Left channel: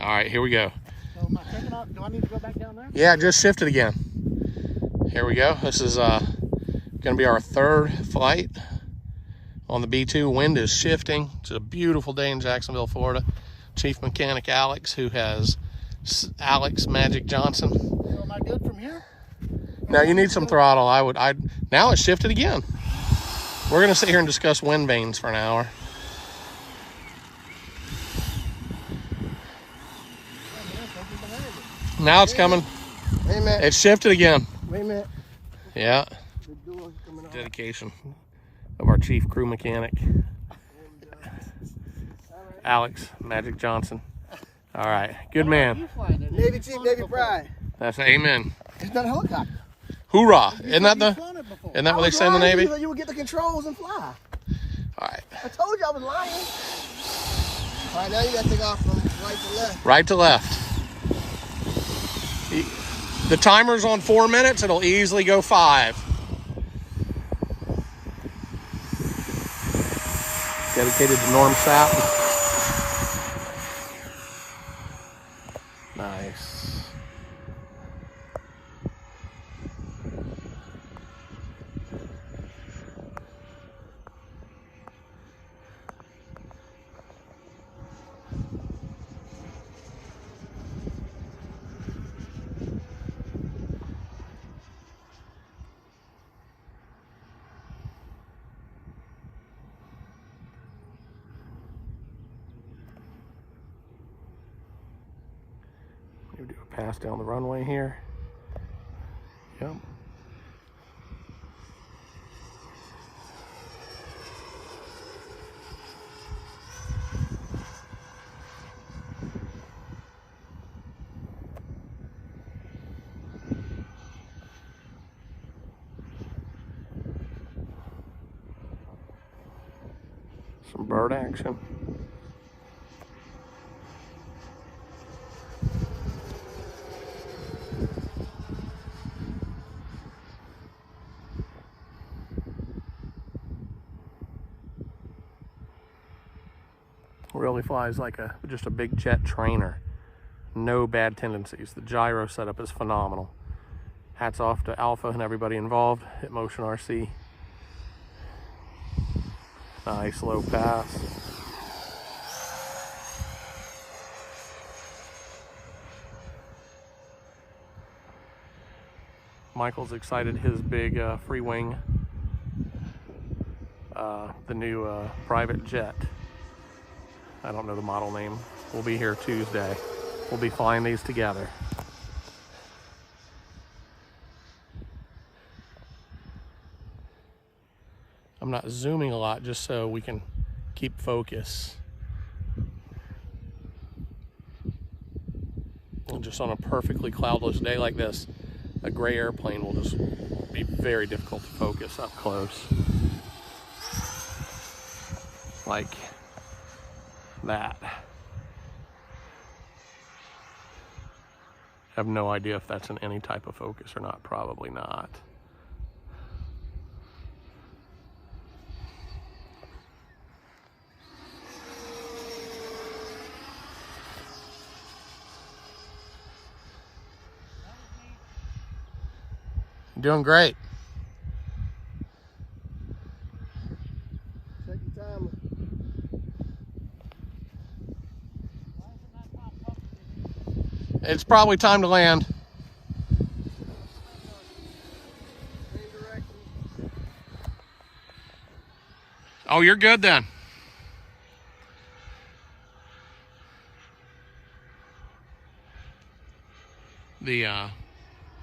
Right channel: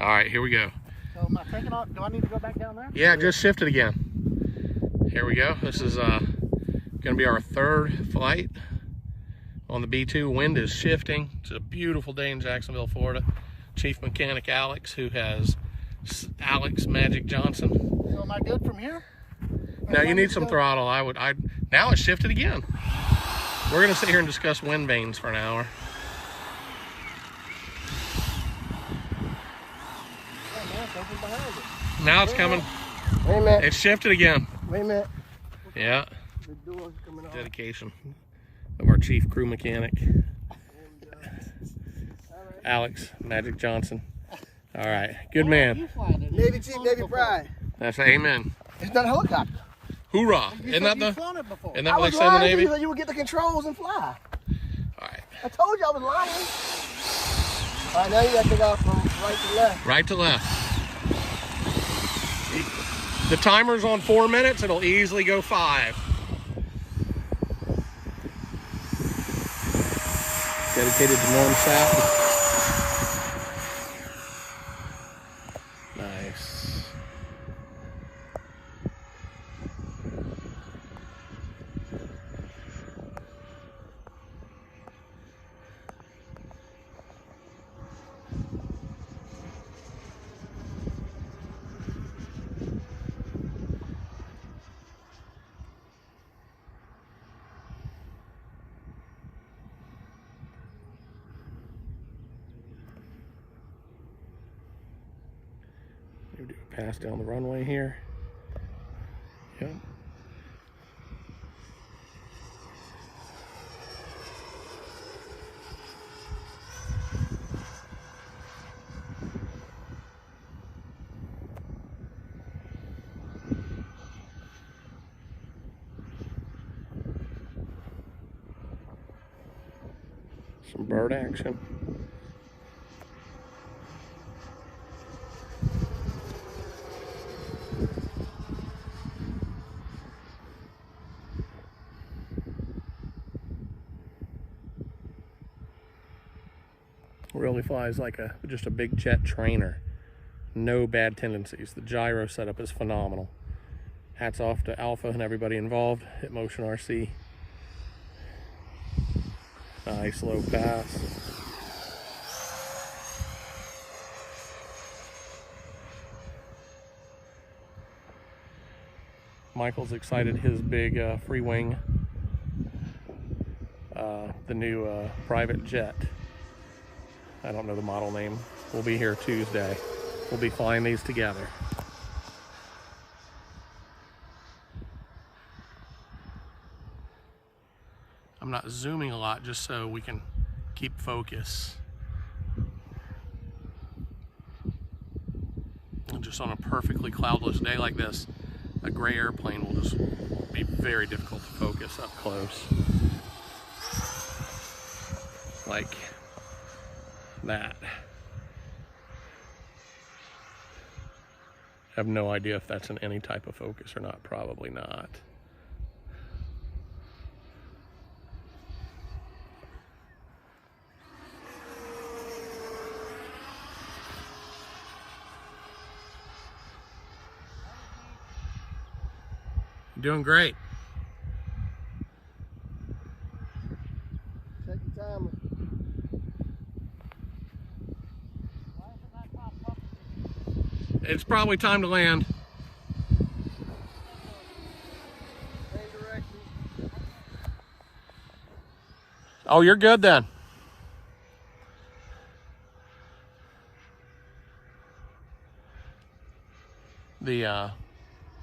All right, here we go. So am I taking off? Do I need to go back down there? Yeah, just shift it again. Here we go. This is gonna be our third flight on the B-2. Wind is shifting. It's a beautiful day in Jacksonville, Florida. Chief Mechanic Alex, who has Alex Magic Johnson. So am I good from here? Now you need some throttle. Now it's shifted again. We're gonna sit here and discuss wind vanes for an hour. Now it's coming. Wait a minute. It's shifted again. Wait a minute. Yeah. The door's coming off. Dedication of our chief crew mechanic, Alex Magic Johnson. All right, good man. Navy Chief, Navy Pride. That's amen. It's not a helicopter. Hoorah! Isn't that what they say in the Navy? You would get the controls and fly. All right. I told you I was lying. All right, now you got to take off from right to left. Right to left. The timer's on 4 minutes. It'll easily go 5. Dedicated to Norm Sapp. Nice. We do a pass down the runway here. Yep. Some bird action. Really flies like just a big jet trainer. No bad tendencies. The gyro setup is phenomenal. Hats off to Alpha and everybody involved at Motion RC. Nice low pass. Michael's excited his big Freewing, the new private jet. I don't know the model name. We'll be here Tuesday. We'll be flying these together. I'm not zooming a lot just so we can keep focus. And just on a perfectly cloudless day like this, a gray airplane will just be very difficult to focus up close. Like that. I have no idea if that's in any type of focus or not. Probably not. Doing great. Check your timer. It's probably time to land. Oh, you're good then.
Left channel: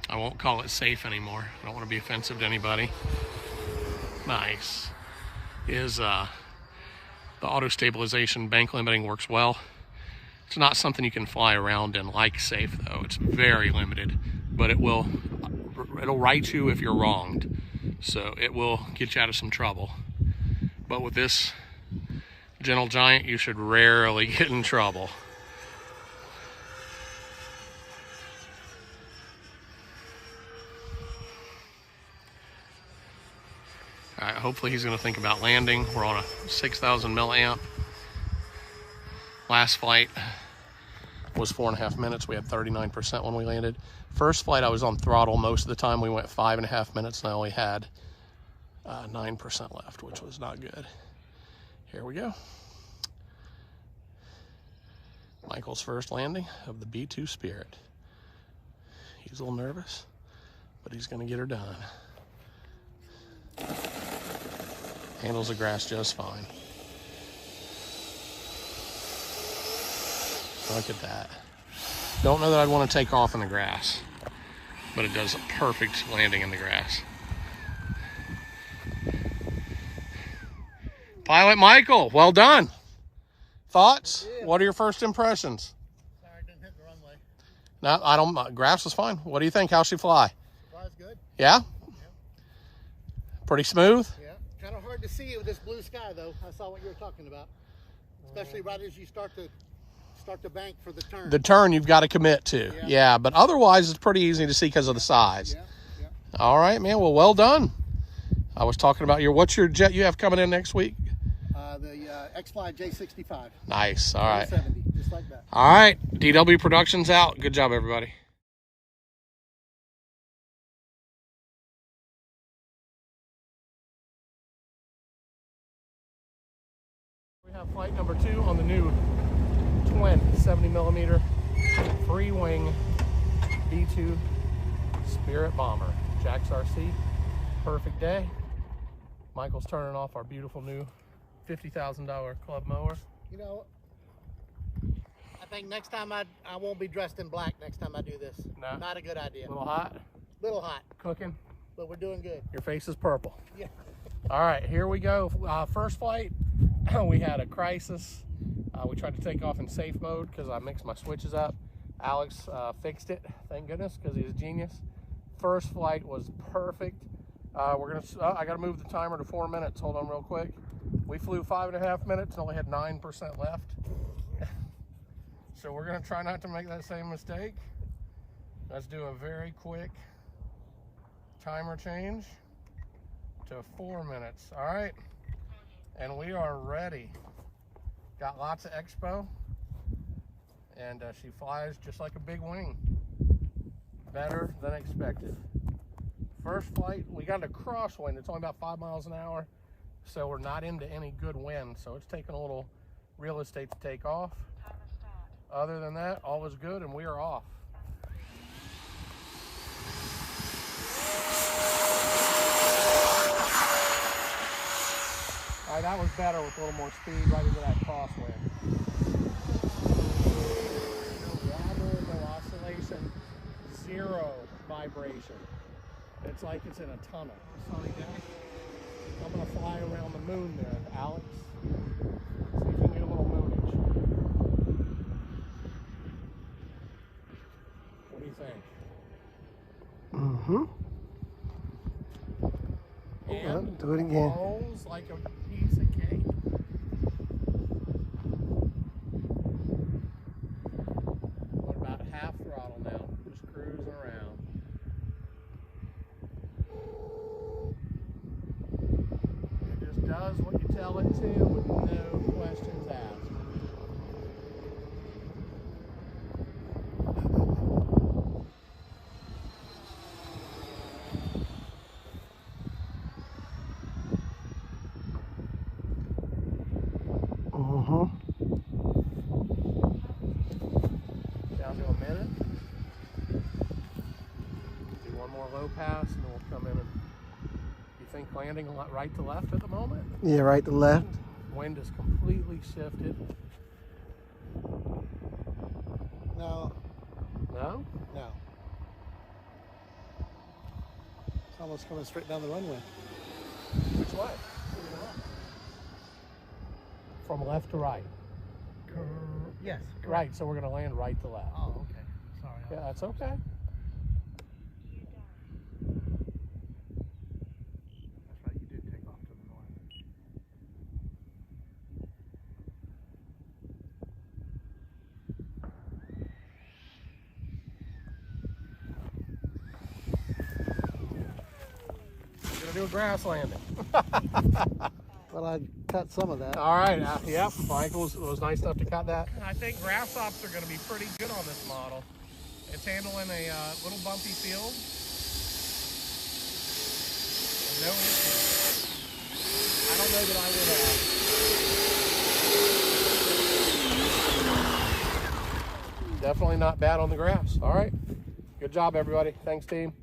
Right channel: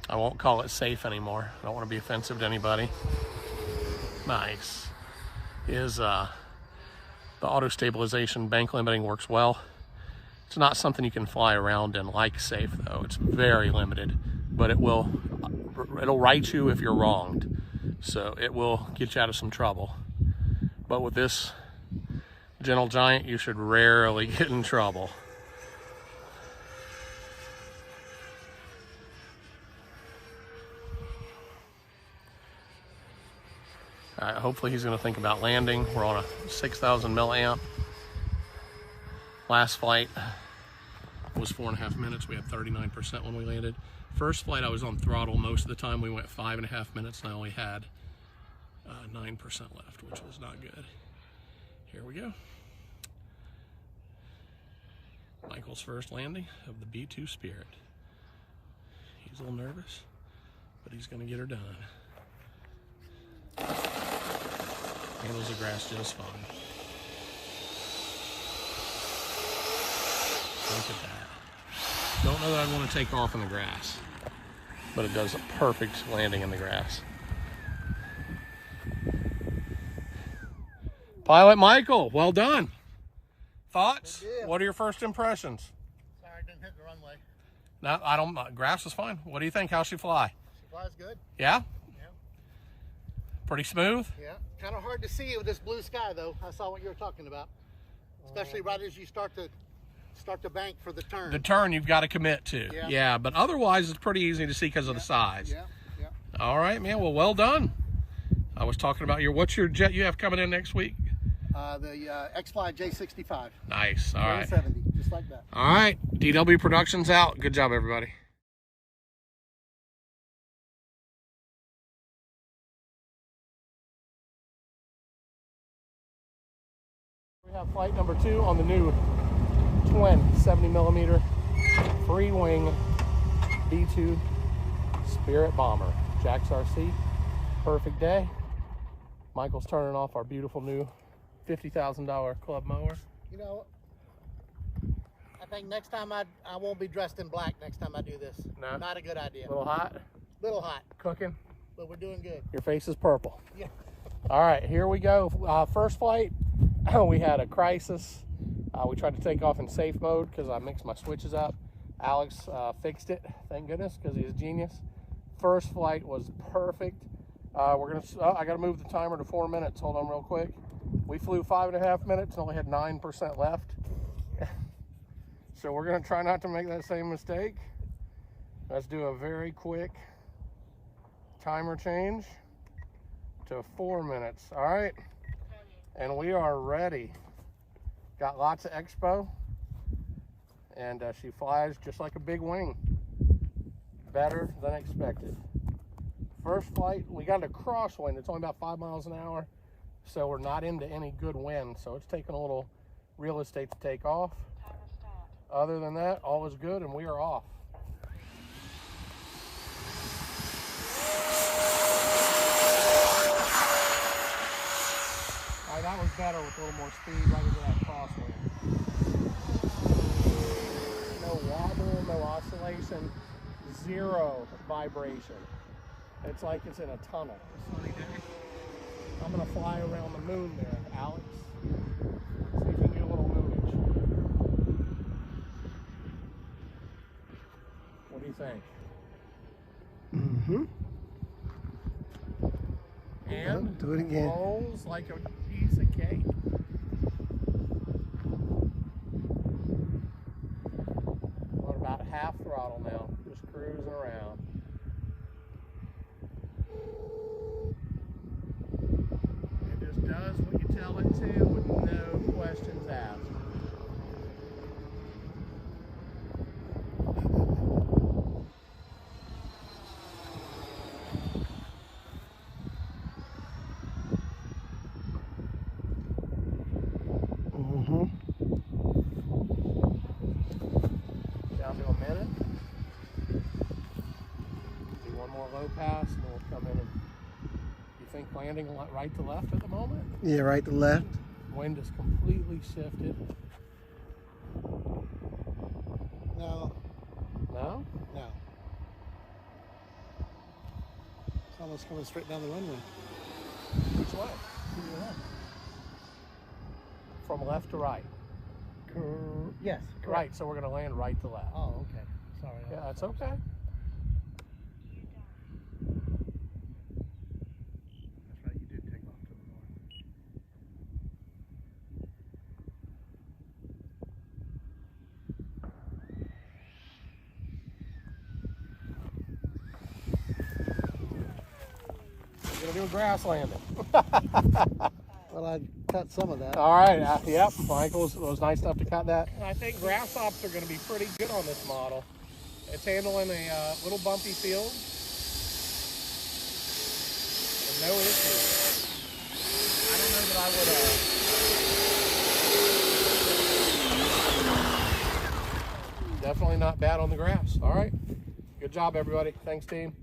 I won't call it safe anymore. I don't want to be offensive to anybody. Nice. The auto stabilization bank limiting works well. It's not something you can fly around in like safe though. It's very limited, but it'll right you if you're wronged. So it will get you out of some trouble. But with this gentle giant, you should rarely get in trouble. All right, hopefully he's gonna think about landing. We're on a 6,000 milliamp. Last flight was 4.5 minutes. We had 39% when we landed. First flight, I was on throttle most of the time. We went 5.5 minutes, and I only had 9% left, which was not good. Here we go. Michael's first landing of the B-2 Spirit. He's a little nervous, but he's gonna get her done. Handles the grass just fine. Look at that. Don't know that I'd want to take off in the grass, but it does a perfect landing in the grass. Pilot Michael, well done. Thoughts? What are your first impressions? Sorry, I didn't hit the runway. No, I don't. Grass was fine. What do you think? How'd she fly? She flies good. Yeah? Yeah. Pretty smooth? Yeah. Kind of hard to see with this blue sky, though. I saw what you were talking about, especially right as you start to bank for the turn. The turn you've got to commit to. Yeah, but otherwise it's pretty easy to see because of the size. Yeah. All right, man. Well done. I was talking about what's your jet you have coming in next week? The X-Fly J65. Nice. All right. 70, just like that. All right. DW Productions out. Good job, everybody. We have flight number 2 on the new twin 70mm Freewing B-2 Spirit Bomber. Jack's RC. Perfect day. Michael's turning off our beautiful new $50,000 club mower. You know, I think next time I won't be dressed in black next time I do this. No. Not a good idea. A little hot. Little hot, Cooking. but we're doing good. Your face is purple. Yeah. All right, here we go. First flight, we had a crisis. We tried to take off in safe mode because I mixed my switches up. Alex fixed it, thank goodness, because he's a genius. First flight was perfect. I gotta move the timer to 4 minutes. Hold on real quick. We flew 5.5 minutes and only had 9% left. So we're gonna try not to make that same mistake. Let's do a very quick timer change to 4 minutes. All right, and we are ready. Got lots of expo, and she flies just like a big wing. Better than expected. First flight, we got a crosswind. It's only about 5 miles an hour, so we're not into any good wind, so it's taking a little real estate to take off. Other than that, all is good, and we are off. All right, that was better with a little more speed right into that crosswind. No water, no oscillation, zero vibration. It's like it's in a tunnel. A sunny day. I'm gonna fly around the moon there, Alex. See if we get a little moonage. What do you think? And do it again. Rolls like a piece of cake. We're about half throttle now, just cruising around. It just does what you tell it to with no questions asked. Down to a minute. Do one more low pass and then we'll come in and you think landing right to left at the moment? Yeah, right to left. Wind is completely shifted. No. No? No. It's almost coming straight down the runway. Which way? From left to right. Yes. Right, so we're gonna land right to left. Oh, okay. Sorry. Yeah, that's okay. That's right. You did take off to the north. We're gonna do a grass landing. Well, I cut some of that. All right, yep, Michael was nice enough to cut that. I think grass hops are going to be pretty good on this model. It's handling a little bumpy field. No issue. I don't know that I would. Definitely not bad on the grass. All right. Good job, everybody. Thanks, team.